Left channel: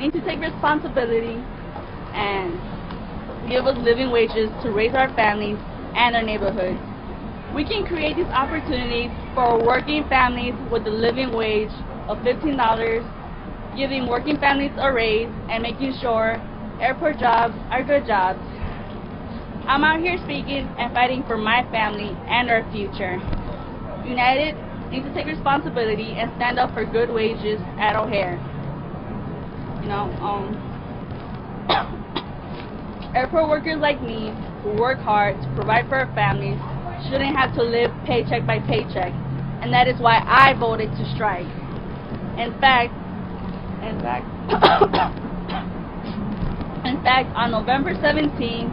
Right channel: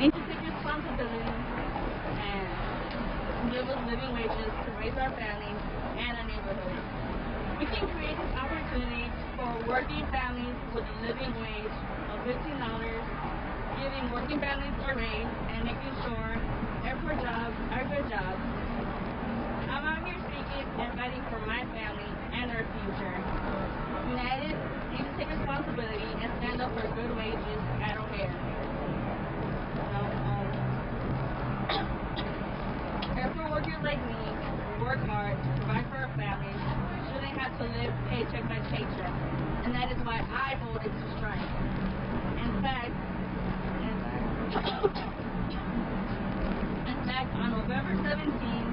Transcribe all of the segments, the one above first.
need to take responsibility and give us living wages to raise our families and our neighborhoods. We can create these opportunities for working families with a living wage of $15, giving working families a raise and making sure airport jobs are good jobs. I'm out here speaking and fighting for my family and our future. United needs to take responsibility and stand up for good wages at O'Hare. You know, airport workers like me who work hard to provide for our families shouldn't have to live paycheck by paycheck, and that is why I voted to strike. In fact, on November 17,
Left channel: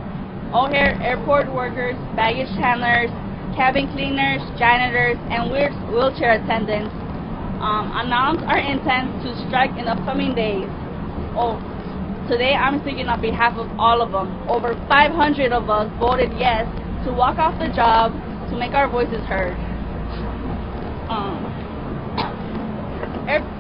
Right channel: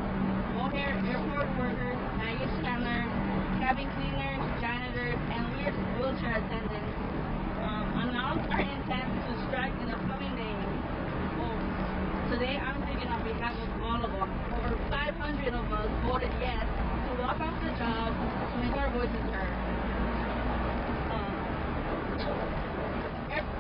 O'Hare airport workers, baggage handlers, cabin cleaners, janitors, and wheelchair attendants announced our intent to strike in upcoming days. Today I'm speaking on behalf of all of them. Over 500 of us voted yes to walk off the job to make our voices heard.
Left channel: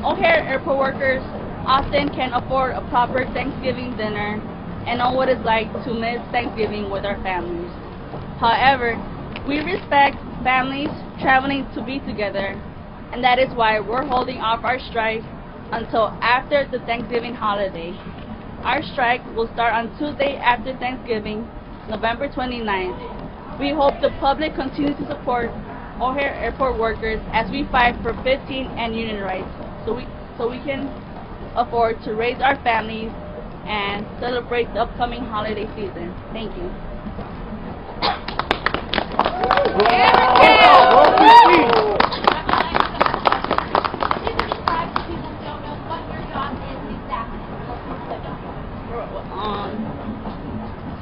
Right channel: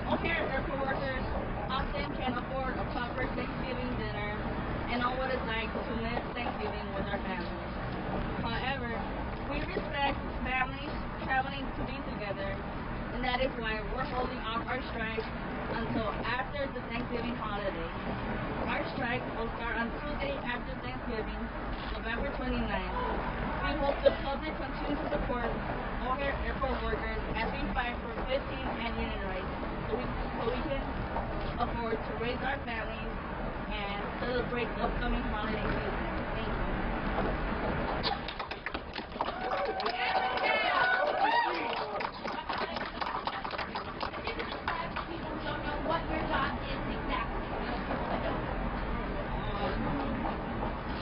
O'Hare airport workers often can afford a proper Thanksgiving dinner and know what it's like to miss Thanksgiving with our families. However, we respect families traveling to be together, and that is why we're holding off our strike until after the Thanksgiving holiday. Our strike will start on Tuesday after Thanksgiving, November 29th. We hope the public continues to support O'Hare airport workers as we fight for 15 and union rights so we can afford to raise our families and celebrate the upcoming holiday season. Thank you.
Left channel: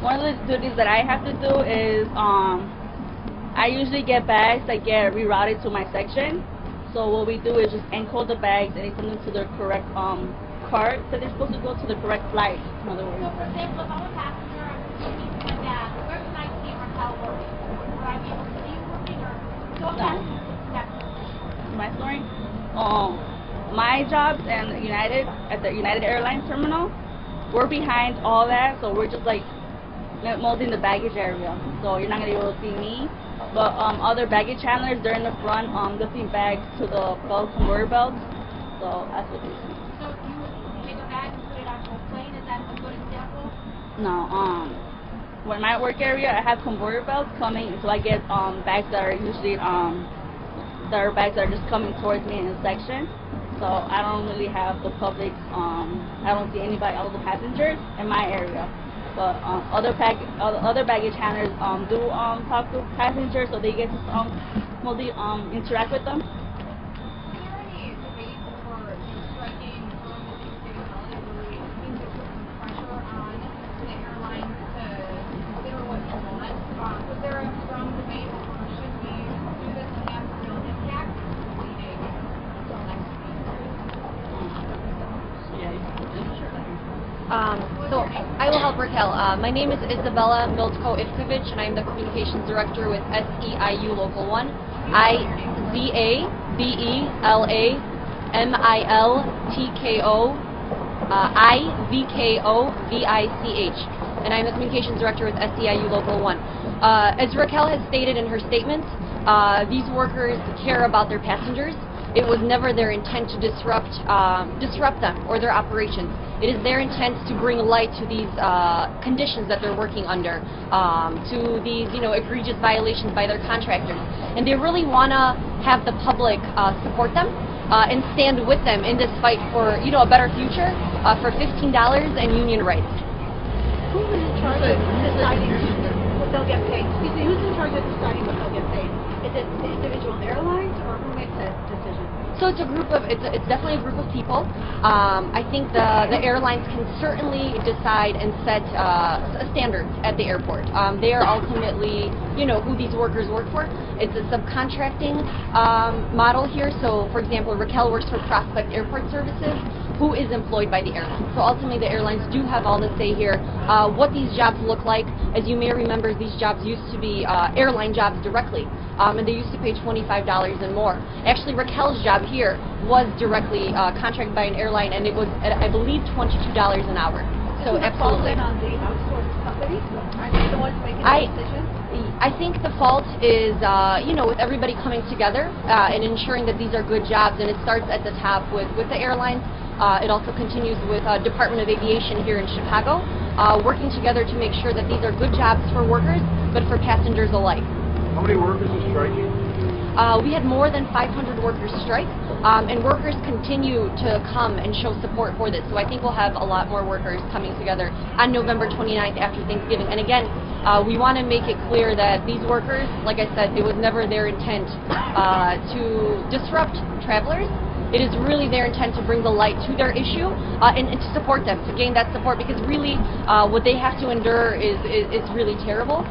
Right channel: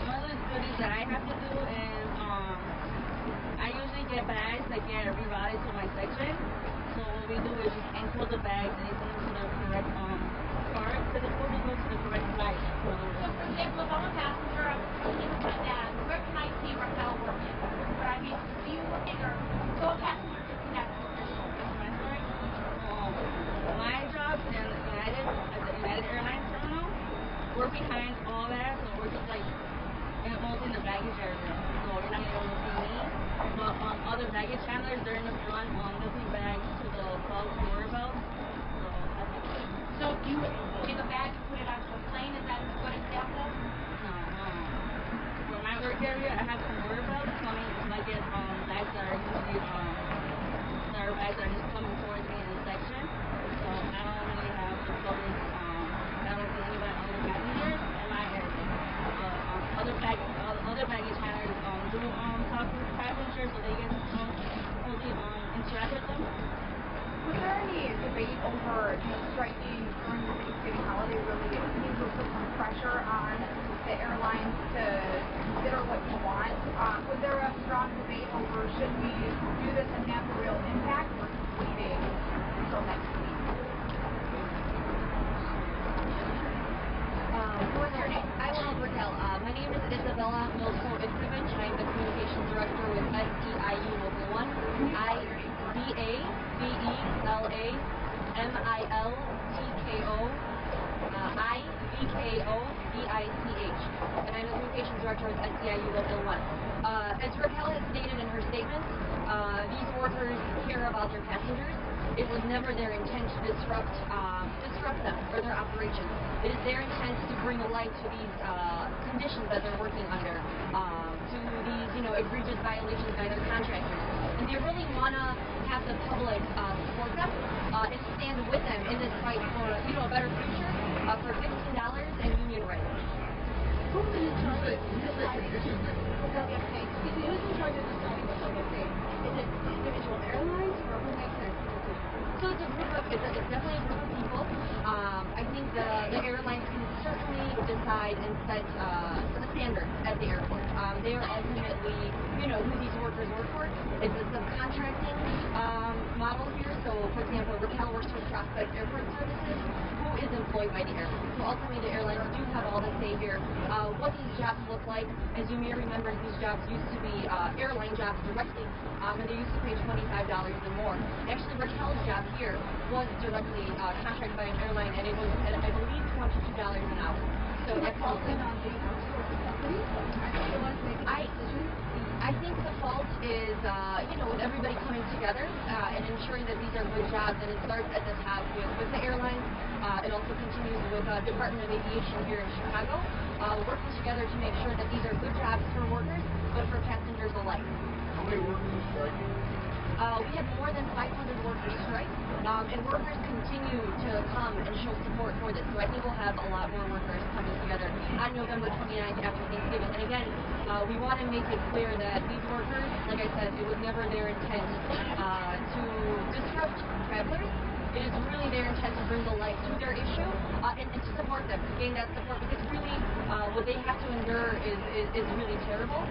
One of the duties that I have to do is I usually get bags that get rerouted to my section. So what we do is just encode the bags and send them to the correct cart that they're supposed to go to the correct flight, in other words. So for example, if I'm a passenger, I'm speaking with my dad, where can I see Raquel working? Would I be able to see you working, or so a passenger can connect with your story? My story? My jobs and United, at the United Airlines terminal, we're behind all that, so we're just like molding the baggage area. So you're not going to be able to see me. But other baggage handlers, they're in the front lifting bags to the conveyor belts. So that's what they do. So if you take a bag and put it onto a plane, is that a good example? No. When my work area, I have conveyor belts coming, so I get bags that are usually bags that are just coming towards me in a section. So I don't really have the public. I don't see anybody, all the passengers in my area. But other baggage handlers do talk to passengers, so they get to mostly interact with them. Was there any debate over striking during the Thanksgiving holiday? Really, it seems to put some pressure on the airlines to consider what you want. Was there a strong debate over should we do this and have a real impact versus waiting until next week? So I will help Raquel. My name is Isabella Miltko-Ivkovic, and I am the Communications Director with SEIU Local 1. IZABELAMILTKO-IVKOVICH, and I am the Communications Director with SEIU Local 1. As Raquel has stated in her statement, these workers care about their passengers. It was never their intent to disrupt them or their operations. It is their intent to bring light to these conditions that they're working under, to these egregious violations by their contractors. And they really want to have the public support them and stand with them in this fight for a better future, for $15 and union rights. Who's in charge of deciding what they'll get paid? Excuse me, who's in charge of deciding what they'll get paid? Is it the individual airlines, or who makes that decision? So it's definitely a group of people. I think the airlines can certainly decide and set standards at the airport. They are ultimately, who these workers work for. It's a subcontracting model here. So, for example, Raquel works for Prospect Airport Services. who is employed by the airline. So ultimately, the airlines do have all the say here. What these jobs look like, as you may remember, these jobs used to be airline jobs directly, and they used to pay $25 and more. Actually, Raquel's job here was directly contracted by an airline, and it was, I believe, $22 an hour. So Does it fall absolutely. in on the outsourced companies? Are they the ones making the decisions? I think the fault is, with everybody coming together and ensuring that these are good jobs, and it starts at the top with the airlines. It also continues with Department of Aviation here in Chicago, working together to make sure that these are good jobs for workers, but for passengers alike. How many workers are striking? We had more than 500 workers strike, and workers continue to come and show support for this. So I think we'll have a lot more workers coming together on November 29th after Thanksgiving. And again, we want to make it clear that these workers, like I said, it was never their intent to disrupt travelers. It is really their intent to bring the light to their issue and to support them, to gain that support, because really what they have to endure is really terrible.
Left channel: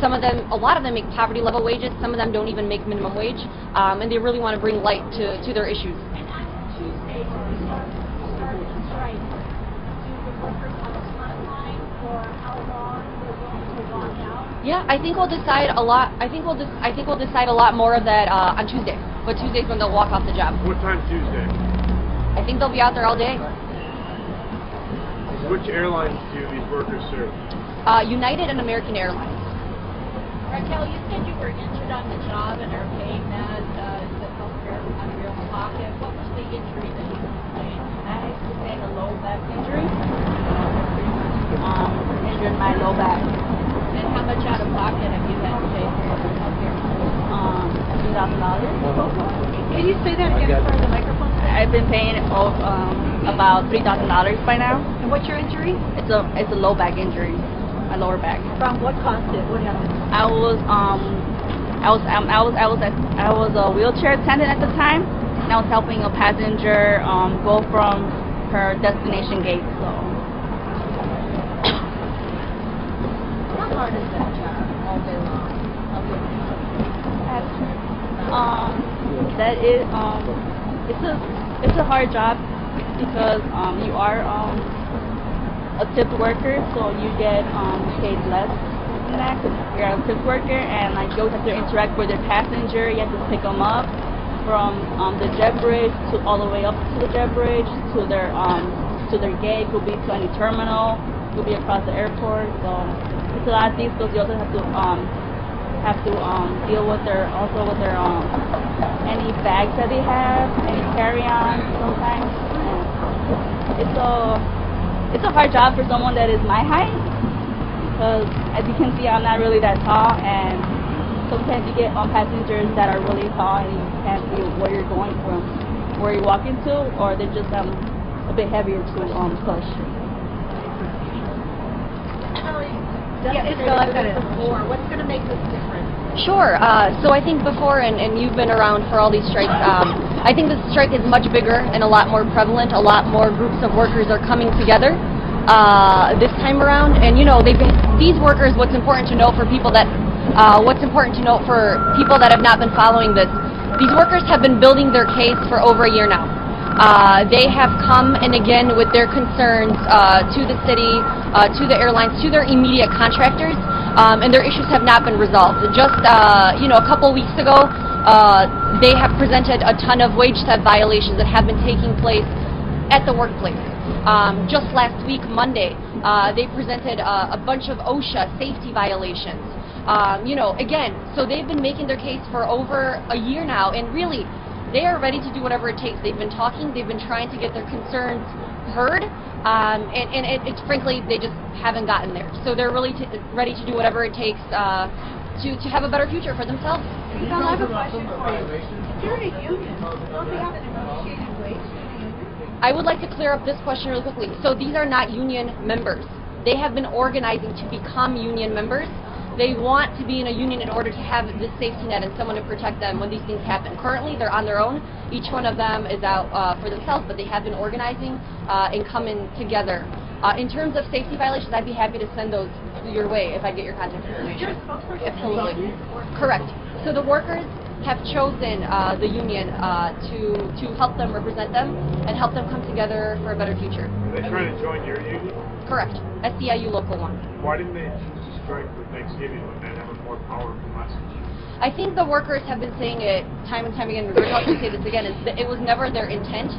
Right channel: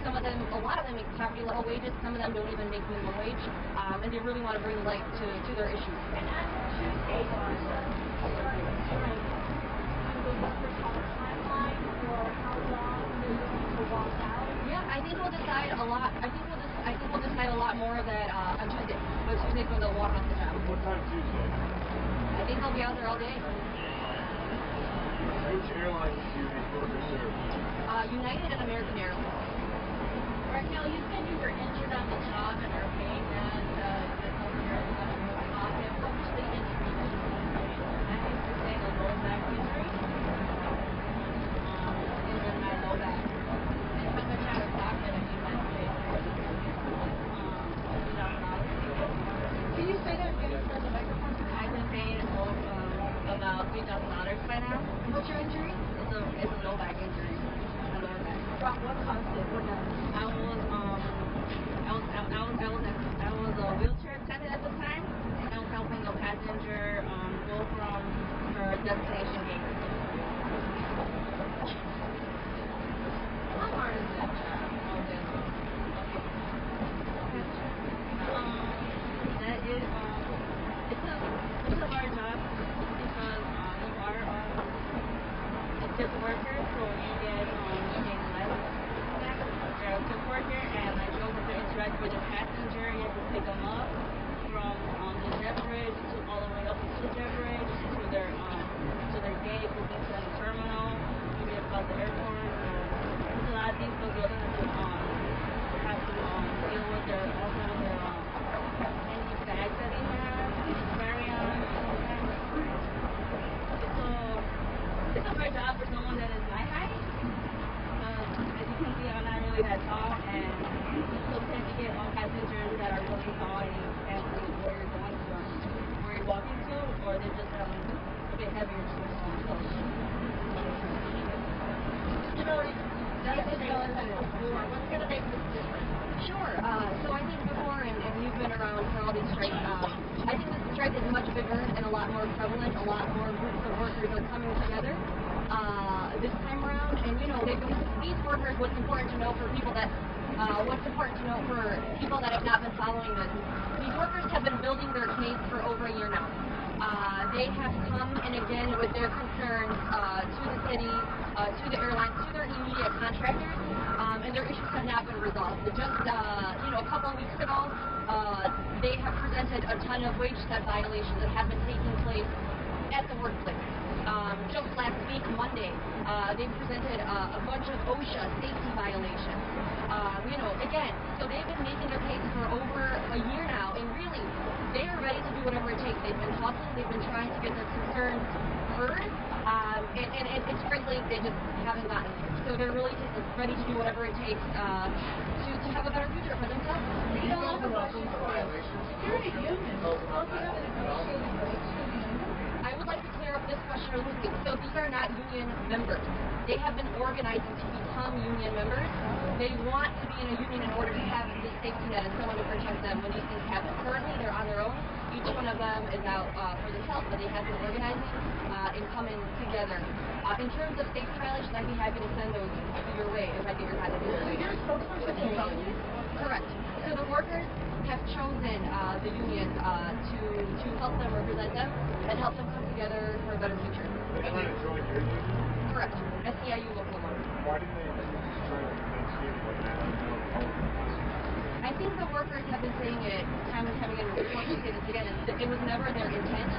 Some of them, a lot of them make poverty level wages, some of them don't even make minimum wage, and they really want to bring light to their issues. And on Tuesday, when we start the strike, do the workers have a timeline for how long they're willing to walk out? Yeah, I think we'll decide a lot. I think we'll decide a lot more of that on Tuesday. But Tuesday's when they'll walk off the job. What time Tuesday? I think they'll be out there all day. Which airlines do these workers serve? United and American Airlines. Raquel, you said you were injured on the job and are paying that the health care out of your own pocket. What was the injury that you sustained? I sustained a low back injury. Injured my low back. And how much out of pocket have you had to pay for your health care? $3,000. Can you say that again for the microphone? I've been paying about $3,000 by now. And what's your injury? It's a low back injury, my lower back. From what caused it? What happened? I was a wheelchair attendant at the time, and I was helping a passenger go from her destination gate. So How hard is that job all day long? that is it's a hard job because you are a tipped worker, so you get paid less than that 'cause you're a tipped worker, and like you always have to interact with your passenger. You have to pick them up from the jet bridge to all the way up to the jet bridge to their gate. Could be to any terminal. Could be across the airport. So it's a lot of things because you also have to deal with their any bags that they have, any carry-on sometimes. And it's a hard job for someone that is my height, because as you can see, I'm not really that tall, and sometimes you get passengers that are really tall and you can't see where you're going from, where you're walking to, or they're just a bit heavier to push. What's going to make this different? Sure. So I think before, and you've been around for all these strikes, I think this strike is much bigger and a lot more prevalent. A lot more groups of workers are coming together this time around. And these workers. What's important to note for people that have not been following this, these workers have been building their case for over a year now. They have come and again with their concerns to the city, to the airlines, to their immediate contractors, and their issues have not been resolved. Just a couple weeks ago, they have presented a ton of wage theft violations that have been taking place at the workplace. Just last week, Monday, they presented a bunch of OSHA safety violations. Again, so they've been making their case for over a year now, and really, they are ready to do whatever it takes. They've been talking, they've been trying to get their concerns heard, and it's frankly, they just haven't gotten there. So they're really ready to do whatever it takes to have a better future for themselves. Well, I have a question for you. If you're in a union, don't they have a negotiating wage to the union? I would like to clear up this question really quickly. So these are not union members. They have been organizing to become union members. They want to be in a union in order to have this safety net and someone to protect them when these things happen. Currently, they're on their own. Each one of them is out for themselves, but they have been organizing and coming together. In terms of safety violations, I'd be happy to send those your way if I get your contact information. You're a spokesperson. Absolutely. Correct. So the workers, have chosen the union to help them represent them and help them come together for a better future. Are they trying to join your union? Correct. SEIU Local 1. Why didn't they choose to strike for Thanksgiving when men have more power than us? I think the workers have been saying it time and time again, and Raquel can say this again, is that it was never their intent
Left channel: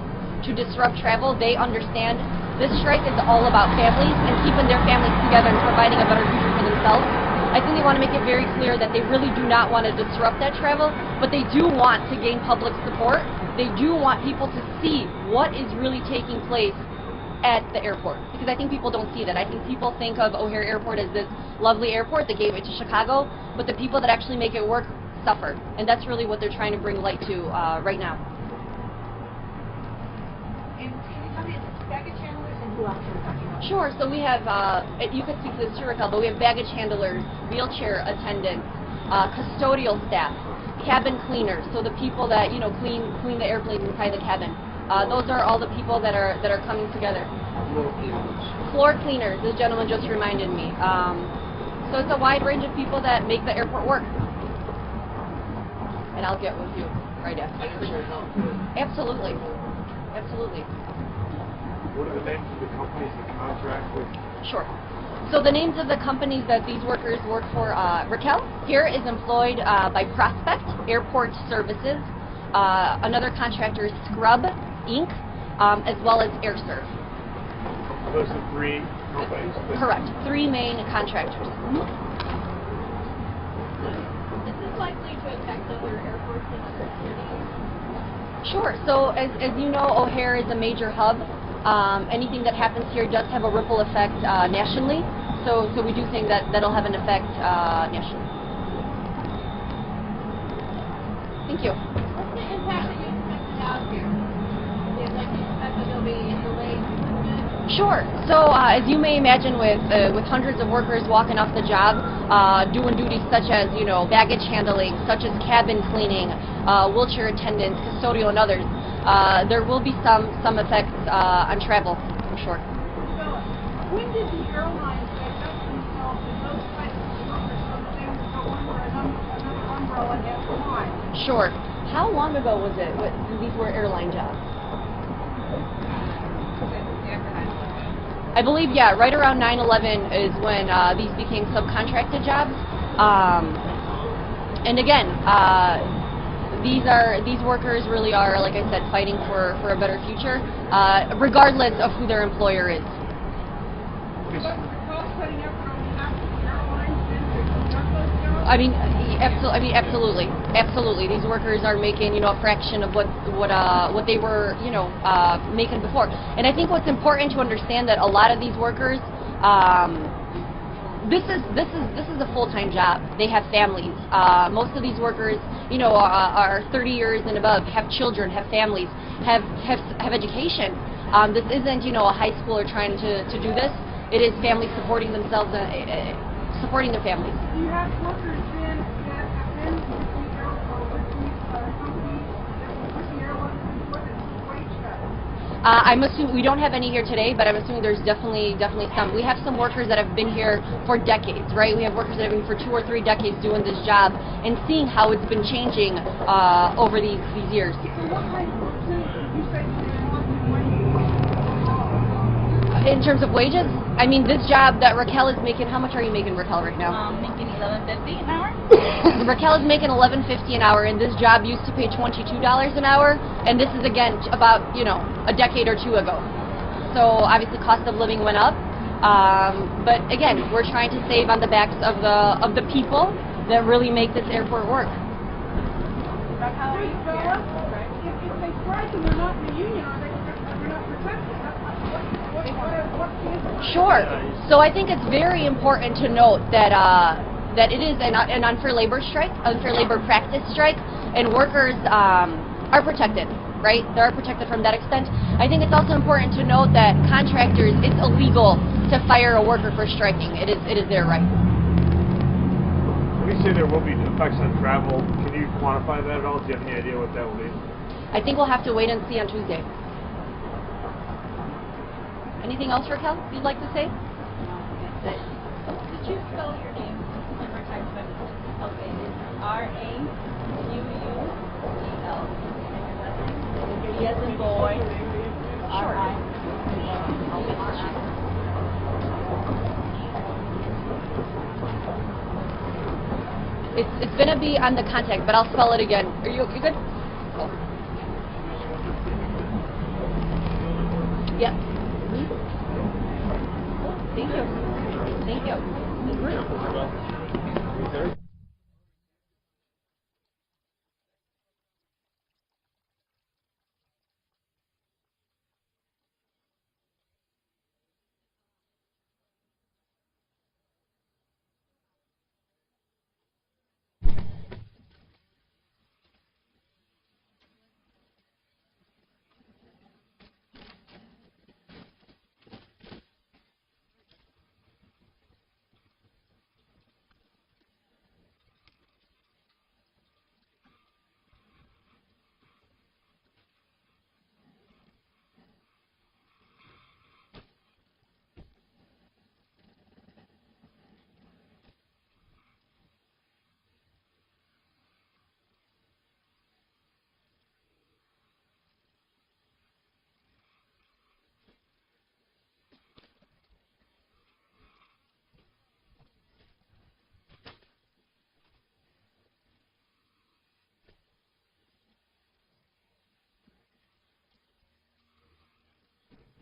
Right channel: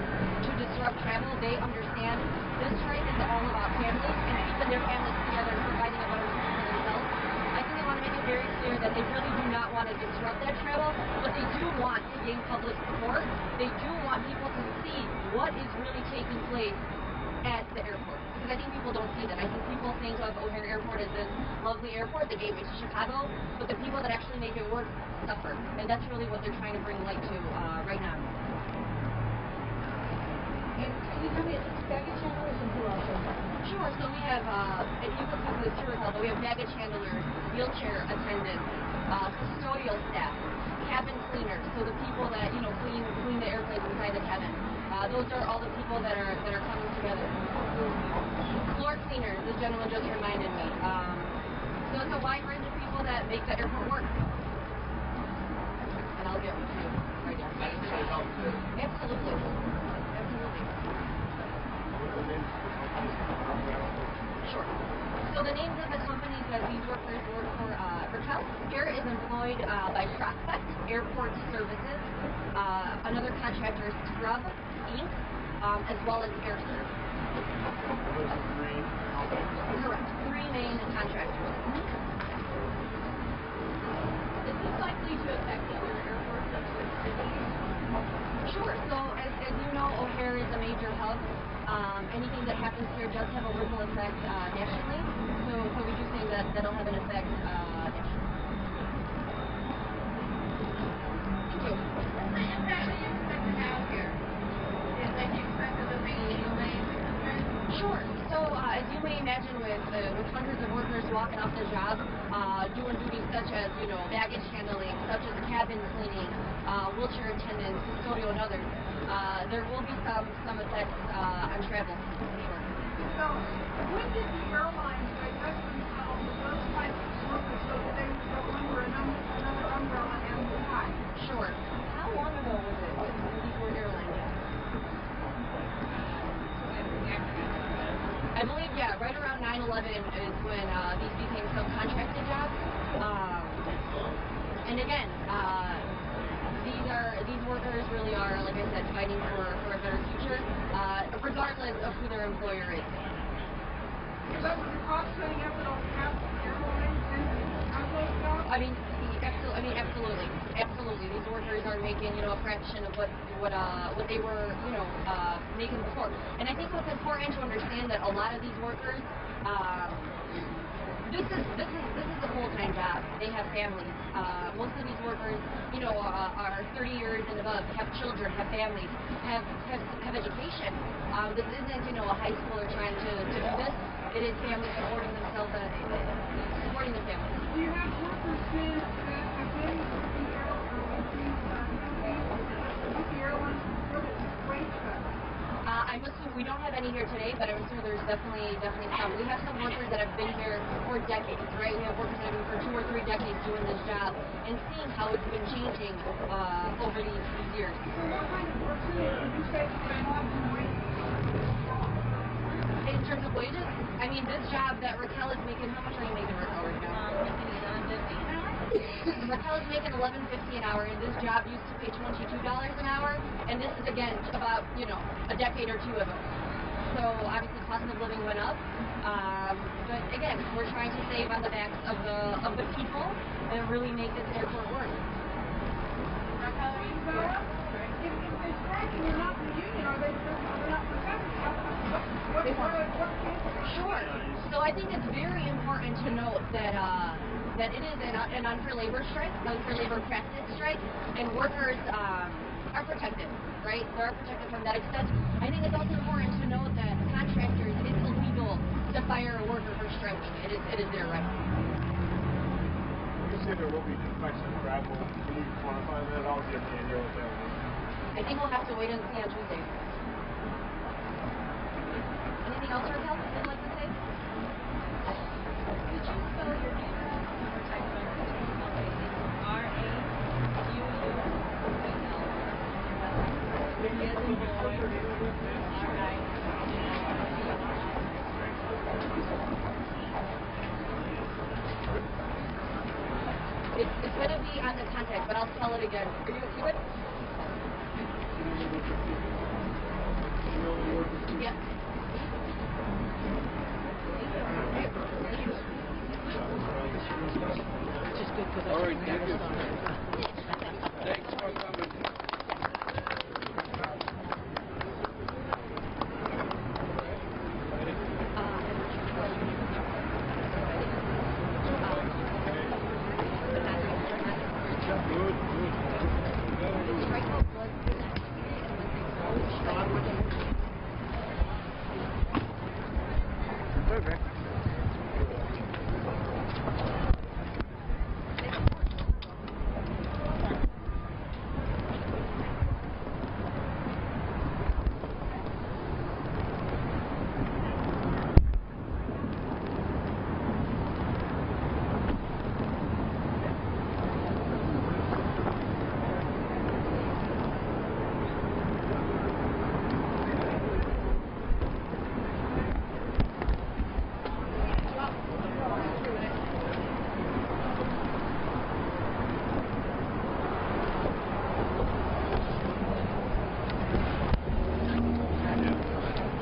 to disrupt travel. They understand this strike is all about families and keeping their families together and providing a better future for themselves. I think they want to make it very clear that they really do not want to disrupt that travel, but they do want to gain public support. They do want people to see what is really taking place at the airport, because I think people don't see that. I think people think of O'Hare Airport as this lovely airport, the gateway to Chicago, but the people that actually make it work suffer, and that's really what they're trying to bring light to right now. And can you tell me, it's baggage handlers and who else are working on it? Sure. So we have, you could speak to this too, Raquel, but we have baggage handlers, wheelchair attendants, custodial staff, cabin cleaners, so the people that clean the airplanes inside the cabin. Those are all the people that are coming together. Floor cleaners, this gentleman just reminded me. So it's a wide range of people that make the airport work. And I'll get with you right after. Absolutely. Absolutely. What are the names of the companies that contract with? Sure. So the names of the companies that these workers work for, Raquel here is employed by Prospect Airport Services. Another contractor is Scrub Inc., as well as AirServe. Are those the three companies? Correct. Three main contractors. Is this likely to affect other airports in other cities? Sure. So as you know, O'Hare is a major hub. Anything that happens here does have a ripple effect nationally. So we do think that that'll have an effect nationally. Thank you. What's the impact that you expect to have here? Do you expect that there'll be delays in movement? Sure. So as you may imagine, with hundreds of workers walking off the job, doing duties such as baggage handling, such as cabin cleaning, wheelchair attendants, custodial, and others, there will be some effects on travel, for sure. So, when did the airlines adjust themselves to those types of workers so that they would go under another umbrella and why? Sure. How long ago was it? These were airline jobs? I believe, yeah, right around 9/11 is when these became subcontracted jobs. And again, these workers really are, like I said, fighting for a better future, regardless of who their employer is. But with the cost-cutting effort on behalf of the airlines then to conduct those jobs? Absolutely. These workers are making, a fraction of what they were, making before. And I think what's important to understand that a lot of these workers, this is a full-time job. They have families. Most of these workers, are 30 years and above, have children, have families, have education. This isn't, a high schooler trying to do this. It is families supporting themselves, supporting their families. Do you have workers then that have been with the companies, with the airlines before the wage cut? I'm assuming we don't have any here today, but I'm assuming there's definitely some. We have some workers that have been here for decades, right? We have workers that have been for 2 or 3 decades doing this job and seeing how it's been changing over these years. So what kind of percentage would you say is not in wages overall? In terms of wages, I mean, this job that Raquel is making, how much are you making, Raquel, right now? Making $11.50 an hour. Raquel is making $11.50 an hour, and this job used to pay $22 an hour, and this is, again, about, a decade or two ago. So, obviously, cost of living went up, but, again, we're trying to save on the backs of the people that really make this airport work. Raquel, are you if they strike and they're not in the union, are they not protected? What can Sure. So I think it's very important to note that that it is an unfair labor strike, unfair labor practice strike, and workers are protected, right? They are protected from that extent. I think it's also important to note that contractors, it's illegal to fire a worker for striking. It is their right. When you say there will be effects on travel, can you quantify that at all? Do you have any idea what that will be? I think we'll have to wait and see on Tuesday. Anything else, Raquel, you'd like to say? Did you spell your name? Okay, it's R-A-U-U B as in boy, R-I. It's gonna be on the contact, but I'll spell it again. Are you good? Yep. Thank you. Thank you.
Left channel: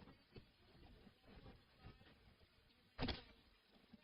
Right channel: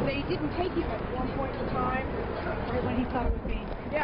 They didn't take him at one point in time, right when he thought it would be. Yeah,